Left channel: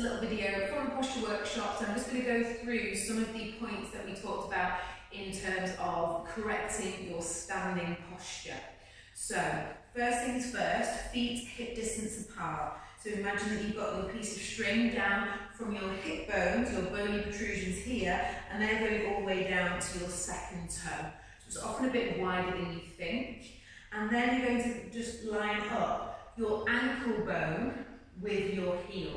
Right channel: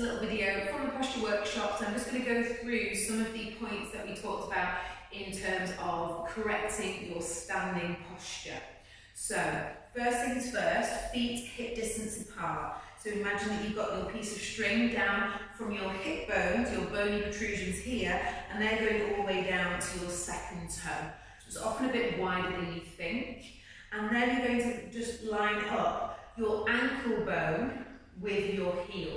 a little video from the posture workshop, so I'm just going to go through some of the points that we talked about in terms of correcting your standing posture. So, first things first, feet hip distance apart. So imagine that you've got your piece of string down from your hip bones, your bony protrusions here, and they're going all the way down to your second toe. So it's often a bit wider than you think. And then you're going to just line up your ankle bone with your heel.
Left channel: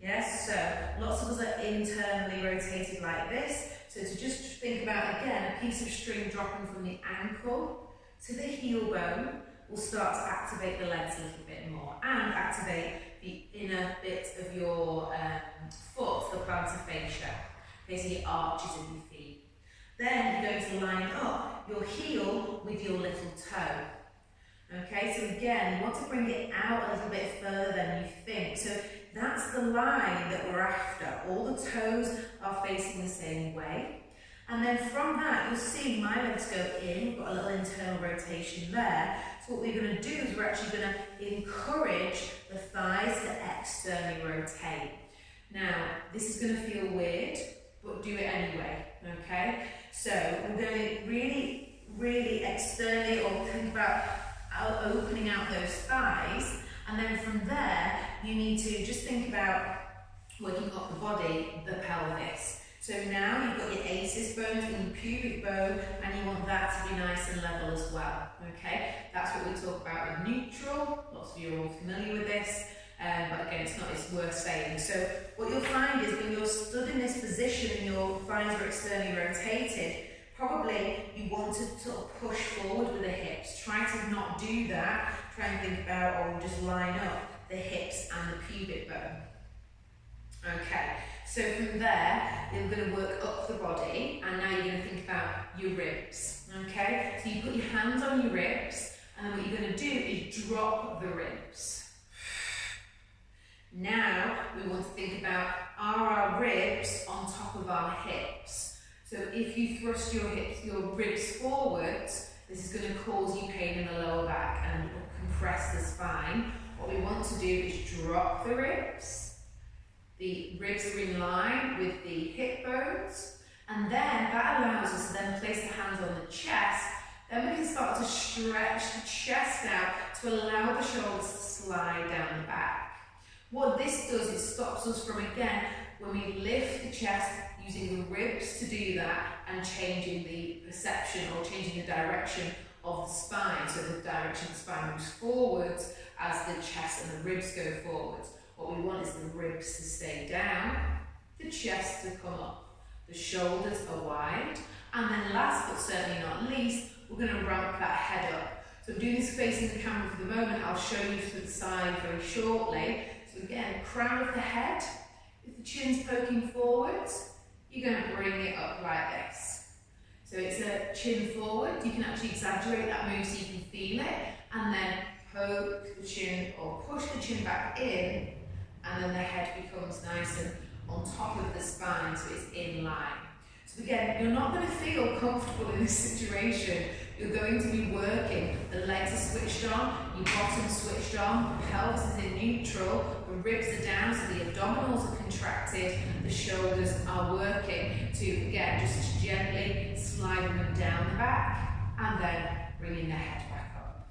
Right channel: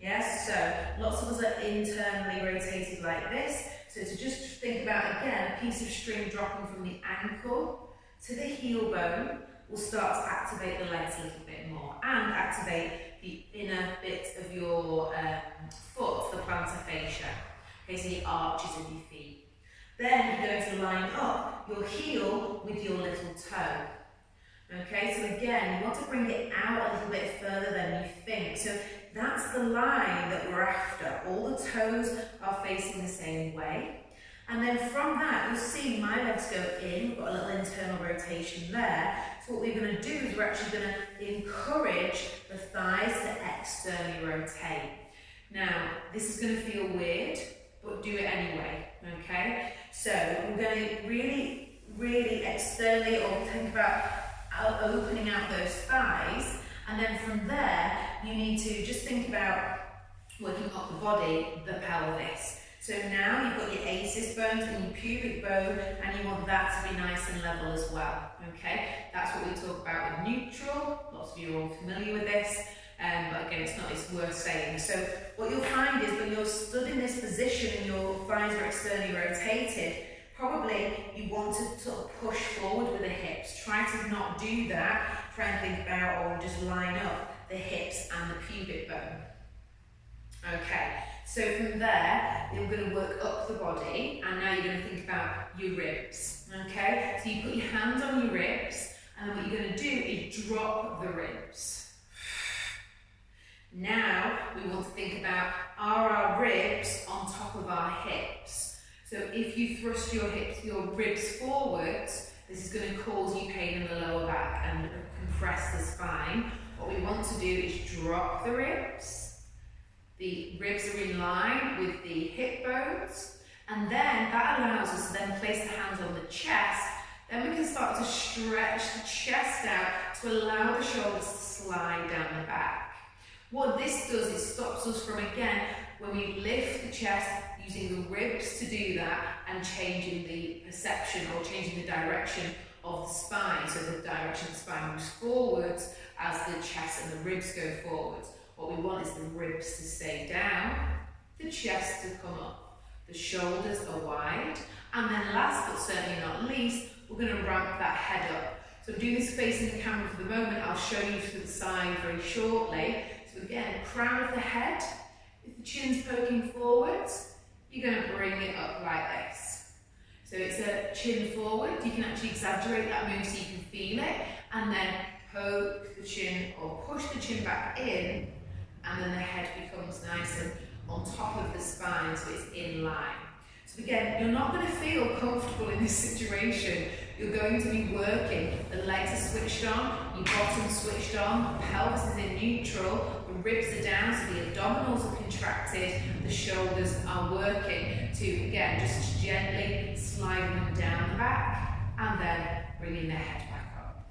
Yes, so lots of us are internally rotated like this. So to just think about, again, a piece of string dropping from the ankle to the heel bone will start to activate the legs a little bit more and activate the inner bit of your foot, the plantar fascia, okay, so the arches of your feet. Then you're going to line up your heel with your little toe. Okay, so again, you want to bring it out a little bit further than you think. So that's the line that we're after. All the toes are facing the same way. And then from that, you'll see my legs go in. We've got a little internal rotation there. So what we're going to do is we're actually going to encourage the thighs to externally rotate. Now, this is going to feel weird, but do it anyway, okay? So we're going to really externally, or think about opening out those thighs, and then from there you need to just think about working up the body, the pelvis. So now you've got your ACES bones and your pubic bone, and you want that to be nice and level as well. Okay, that's what we talk about with neutral. Lots of you are all familiar with this, but again, it's worth saying. So what you'll find is when you're stood in this position and your thighs are externally rotated, probably you want to sort of push forward with the hips. Try to not do that. Try and think about, or just line up the hips and the pubic bone. Okay, so from there, you're going to work up the body, and now you're going to think about your ribs. Okay, so you put your hands on your ribs, and then what you're going to do is drop the ribs. Now, we want to think about, are our ribs on top of our hips? So if you thrust your ribs forwards, this is going to cause you pain in the lower back and compress the spine. What we want to do is drop the ribs. The ribs are in line with the hip bones, and then that allows us to then place the hands on the chest. Then we can start to stretch the chest out to allow the shoulders to slide down the back. What this does, it stops us from, again, when we lift the chest, using the ribs to do that and changing the perception or changing the direction of the spine. So the direction of the spine moves forwards as the chest and the ribs go forwards. What we want is the ribs to stay down, the chest to come up, the shoulders are wide, and then last but certainly not least, we're going to ramp that head up. So I'm doing this facing the camera for the moment. I'll show you to the side very shortly. So again, crown of the head, if the chin's poking forwards, you're going to bring it up like this. So it's a chin forward. You can actually exaggerate that move so you can feel it, and then poke the chin or push the chin back in, and then the head becomes nice and on top of the spine, so it's in line. So again, you're not going to feel comfortable in this situation. You're going to be working. The legs are switched on, your bottom's switched on, the pelvis is in neutral, the ribs are down, so the abdominals are contracted, the shoulders are working to, again, just gently sliding them down the back and then bringing the head back up.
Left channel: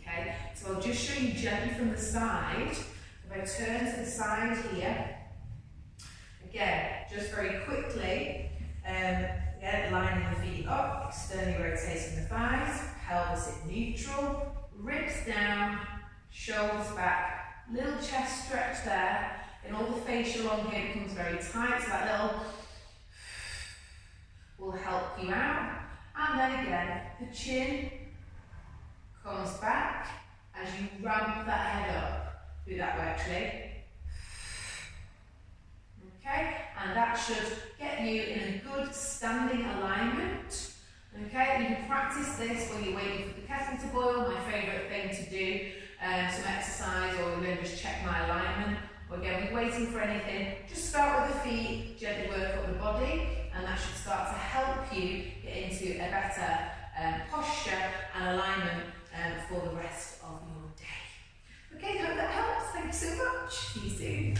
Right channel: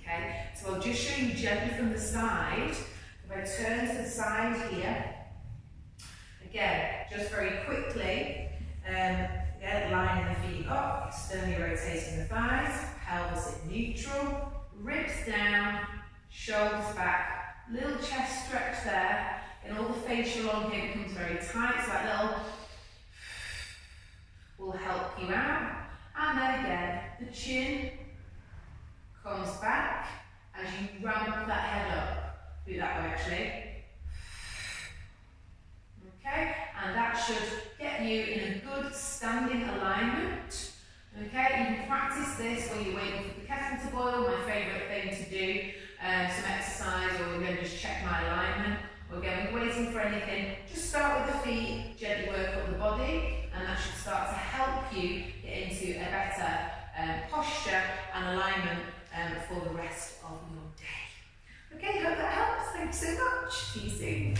Okay, so I'll just show you gently from the side. If I turn to the side here, again, just very quickly, lining the feet up, externally rotating the thighs, pelvis in neutral, ribs down, shoulders back, little chest stretch there, and all the facial on here becomes very tight, so that little will help you out. And then again, the chin comes back as you ramp that head up. Do it that way actually. Okay, and that should get you in a good standing alignment. Okay, you can practice this while you're waiting for the kettle to boil, my favourite thing to do, some exercise, or you're going to just check my alignment, or again, when you're waiting for anything, just start with the feet, gently work up the body, and that should start to help you get into a better posture and alignment for the rest of your day. Okay, hope that helps. Thank you so much. See you soon.